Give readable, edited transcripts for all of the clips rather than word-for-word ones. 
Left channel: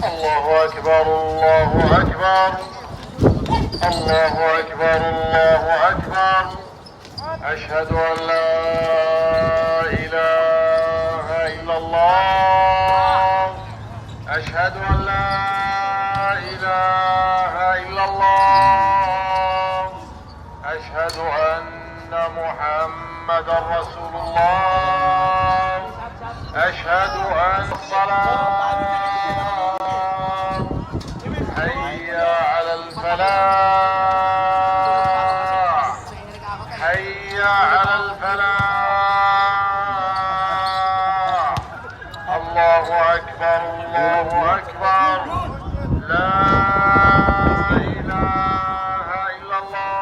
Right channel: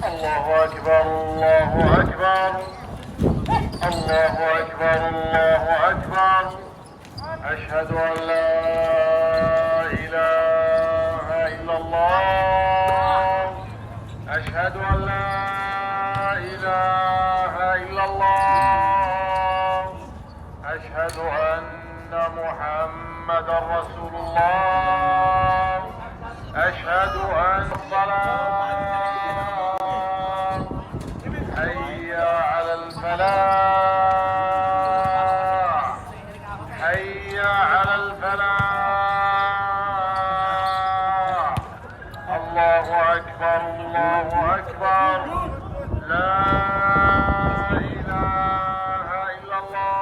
Allahu Akbar, Allahu Akbar. Allahu Akbar, Allahu Akbar. Ashhadu an la ilaha illallah. Ashhadu an la ilaha illallah. Ashhadu anna Muhammadan Rasulullah. Ashhadu an salat. Hayya 'ala al-falah. Hayya 'ala al-falah. Allahu Akbar, Allahu Akbar. La ilaha illallah.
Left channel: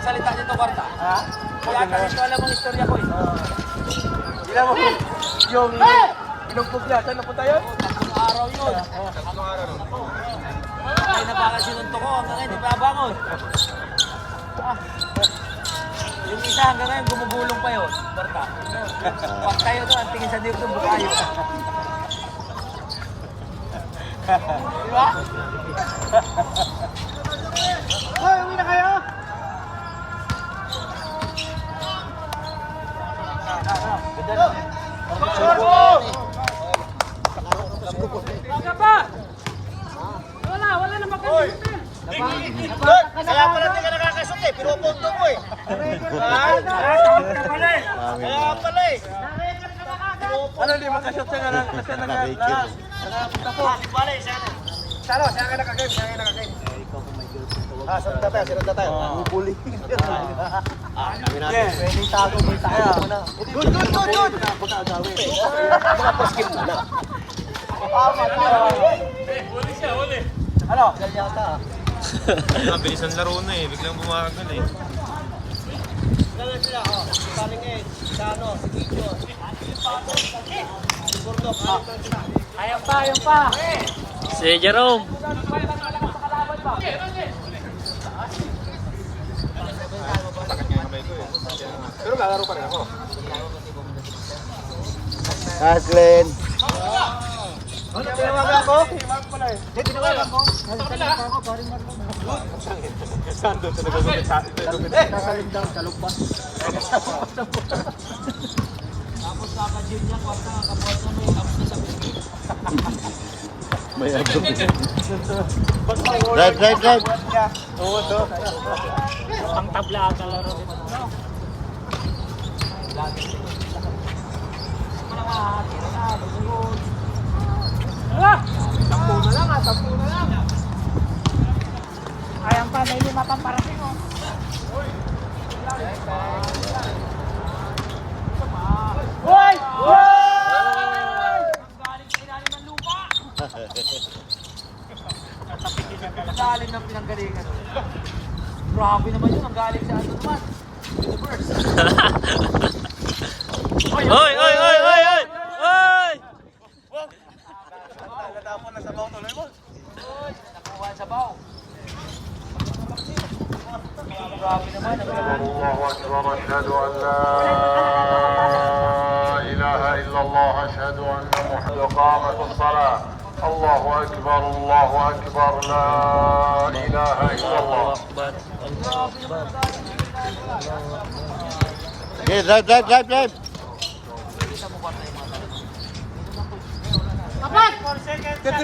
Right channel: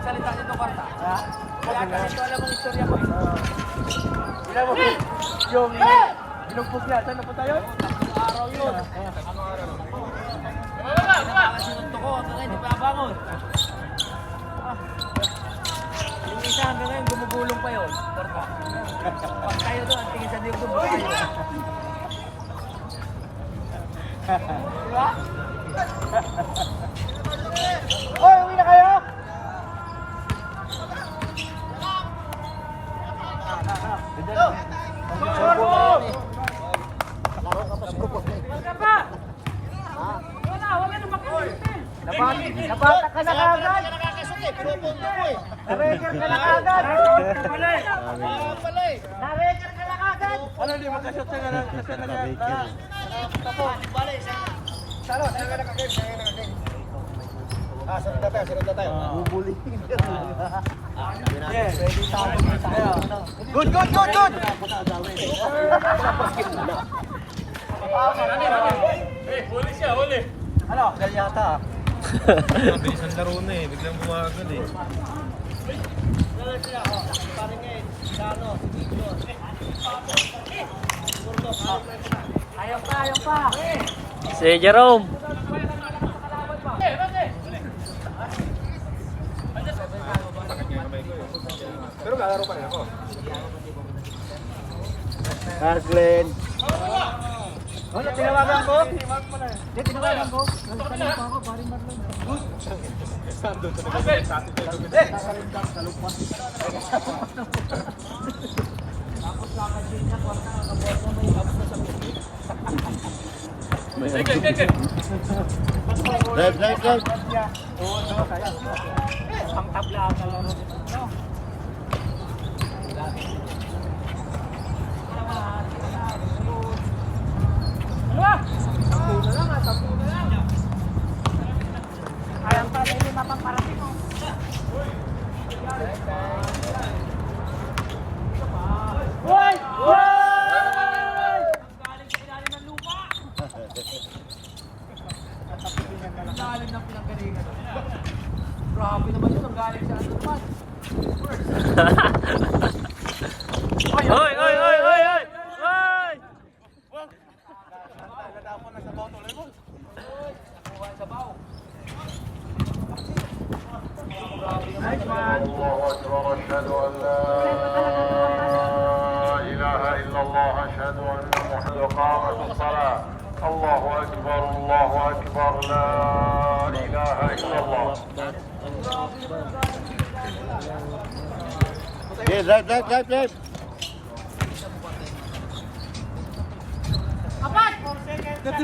Salita dito, Korta. Kaya kasi ito alam mong istorya ko eh. Ilan mo yung pinagpugyatan na po tayo? Araw yun. Anong araw? Ay napakasinunto ko. Hanggang ngayon, di pa bangon. Yung isa hanggang ngayon, gumugulong pa yun. Korta. Pag tayo doon, ang tingin sa niyog doon, bukayo. Di ba? Hoy, uwi na kayo! Ano di makashoot sa nga kasi nag-record. Salo, siya nga nakagame, siya nga nakagame. Sunod tayo, sunod tayo. Bubuli. Yes, good, good, good, good. Skip muna. Huli siya, huli. Ano? Yan yata. Bilis ang laro na eh, biglang bumagal eh. Ayaw pa, ayaw pa. Si Jerome. Pero lalaro pa rin ako. Aslen. Ano, tinawagan ko? Saan doon sa nagagawin sa atin? Right, right, right. Pang tabla ka laro. Ayang pa, may lima pang parating. Hoy! Hoy! Galing sa ilalim ng lupa! Ang galing ng pinanggalingan. Grabe naman yun, ang galing sa anuman. Oy, oy, oy, oy, oy! Oy! Natapon na sa baw tuloy mo. Nakuha sa baw. الله أكبر أشهد أن لا إله إلا الله أشهد أن محمدا قامت الصلاة الله أكبر الله أكبر لا إله إلا الله Okay, drive, drive, drive, drive.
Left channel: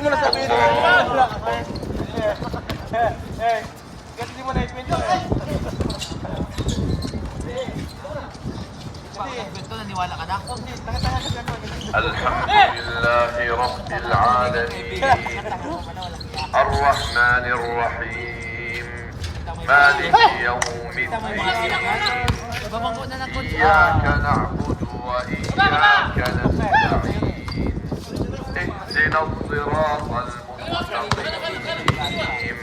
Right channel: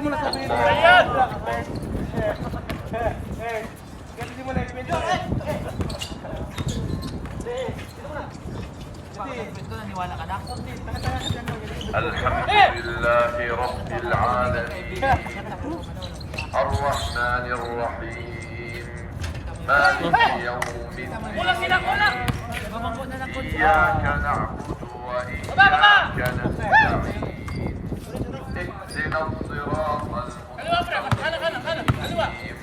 mo na sabihin. Hindi mo na ikwento. الحمد لله رب العالمين الرحمن الرحيم مالك يوم الدين إياك نعبد وإياك نستعين اهدنا الصراط المستقيم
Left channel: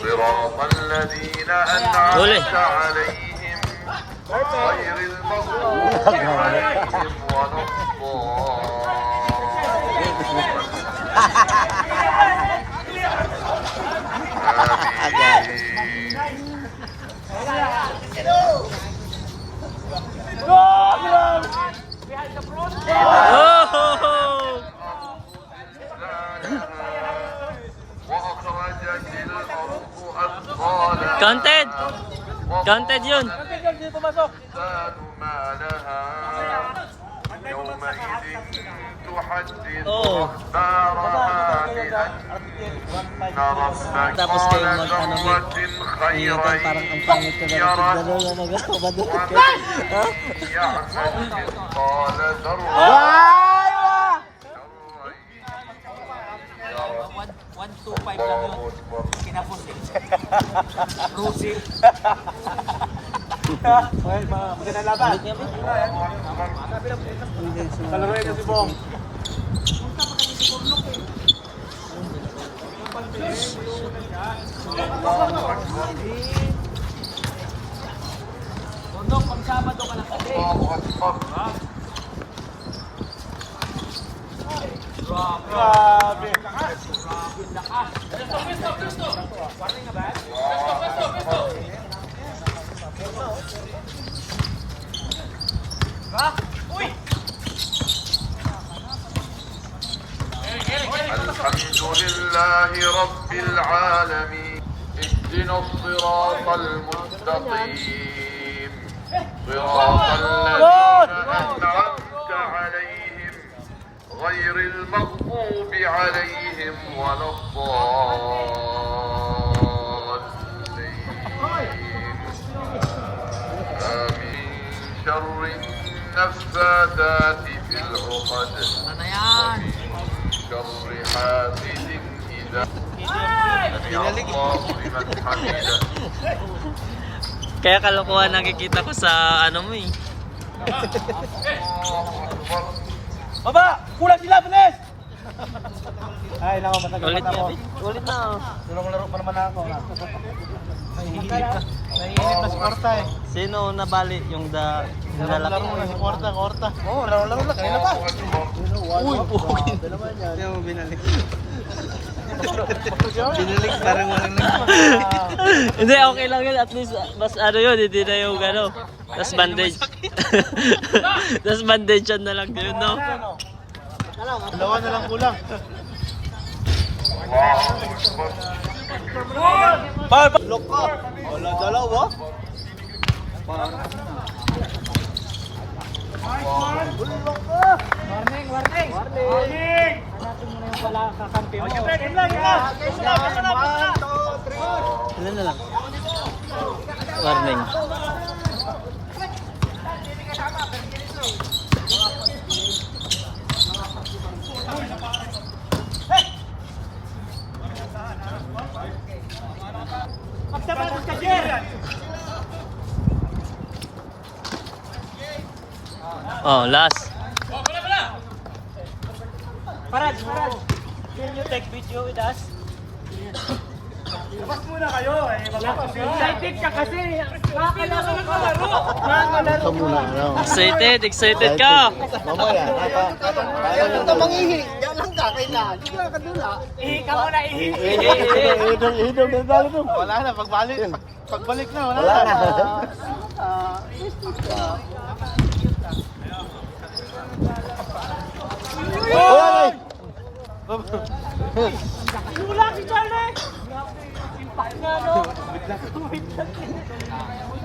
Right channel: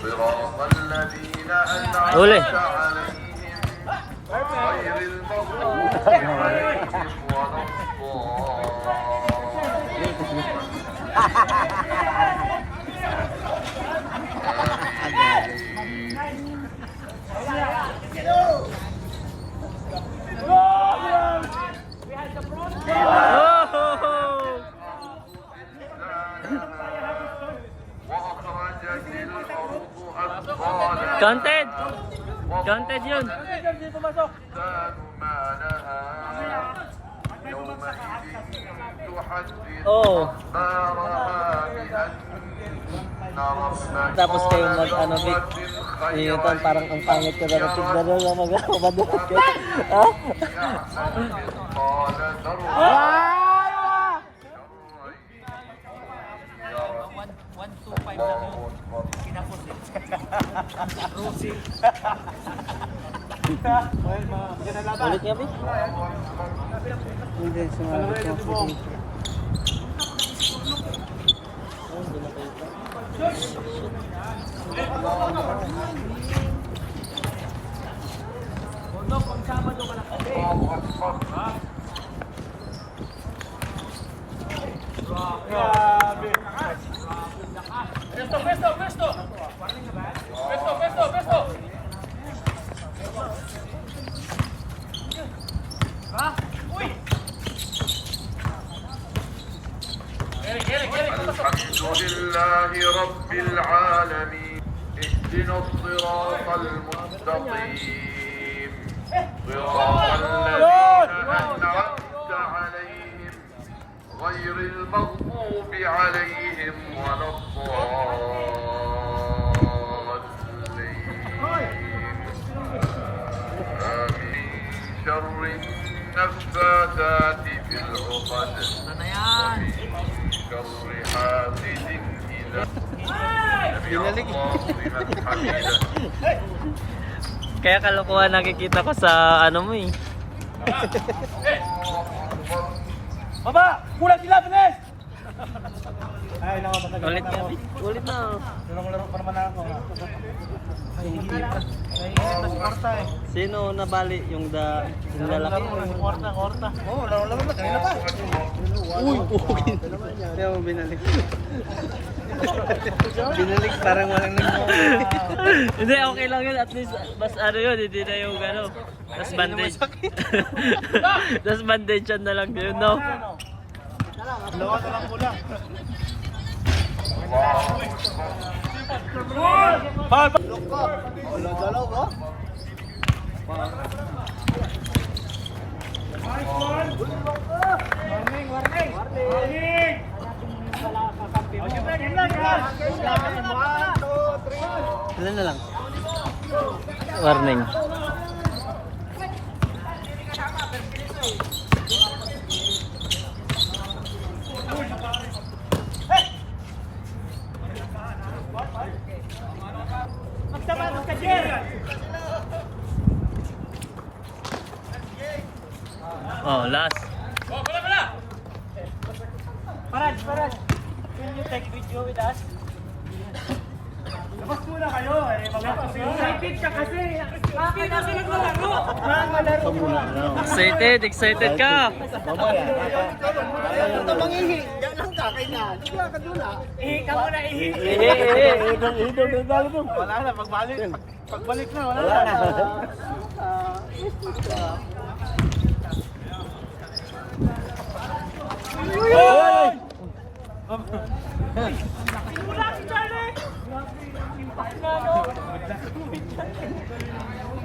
صراط الذين أنعمت عليهم غير المغضوب عليهم ولا Oh! Counted! Counted yun! Hindi pumasok. ما لها يومئذ تحدث Oo. أخبارها بأن ربك Tapos kayo قال ano, Vic, خير parang ang pangit ko ba na madulot ka? Ha? يعمل مثقال ذرة 125 lang yun. Kinapos eh. Rusi. Magandang laban. Ulit niya, Vic? Hindi, Palaroin na si Bong. Tundok pang Sabado ka lang kasi. Grabe. Pesto, pesto, pesto. Pesto, pesto, pesto. الحمد لله رب العالمين اهدنا الصراط المستقيم صراط الذين أنعمت عليهم غير المغضوب عليهم ولا الضالين آمين شر النفاثات في العقد ومن شر حاسد إذا Binalik. Kaya kalokohan nakikita ko sa ano mo eh. Baba! Kulang sila, bilis! Ay, naku, matagal Ulit na na, ako. Vic. Ulit na. Laro pa naman ako. Nahihigit na si Korta eh. Sino nabali? Yung lalaki mo yung... Oo, laro lang. Kanina pa. Uy, pugi. Kaya mo binalik. Binalik parang walang Hindi, okay lang yun. At least, mas ano yun, hindi na yung ano. Tas bandage. Tas bandage yan na lang yun, no? Dalawa na lang kulang. Lok ko. Wala dalaw ba? Warning, warning. Warning. Pala kakampi mo. Warning. Oh, last. Parad, parad. Can you take video with us? Labas muna kayo eh. Excited ka kasi. Makakalaro ng laro. Makakalaro mo lang. Excited, excited ka. Ito mangihi. Yan lang ka, kailangan. Hindi ka kadula. Ihi ka muna, ihi. Wala na, pagbalik. Pagbalik na, wala na. Wala si Charlie.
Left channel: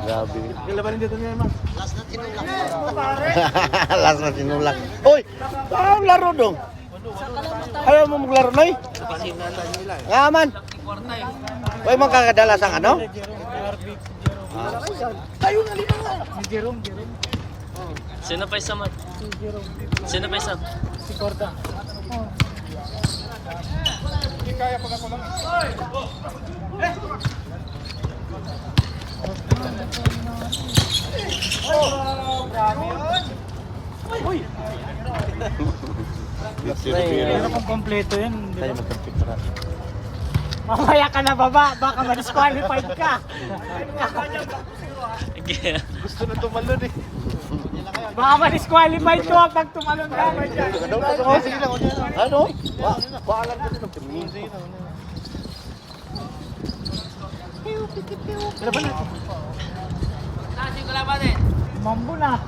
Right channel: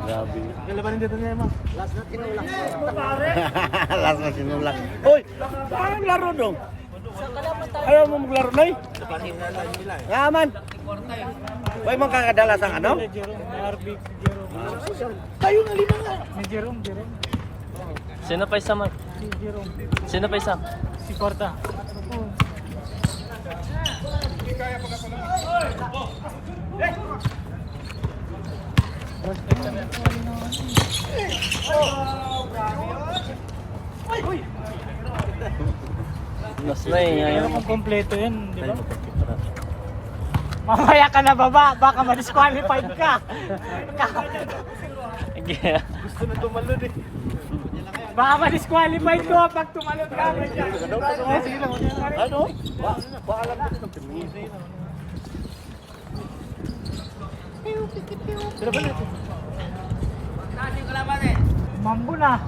Grabe. Kailan dito niya, Ma? Last na tinulak. Last na tinulak. Uy! Parang laro dong. Ayaw mo maglaro na eh. Nga man. Ay magkakadala sa ano? Tayo na lima nga. Sino pa isa, man? Sino pa isa? Si Corta. Pero kung kompleto yan, di ba? Mamaya ka na baba, baka ma-disqualified ka. Gusto na tumalon eh. Baka ma-disqualified ko pag tumalon ka. Sige lang. Ano? Paalam na din. Mambo na.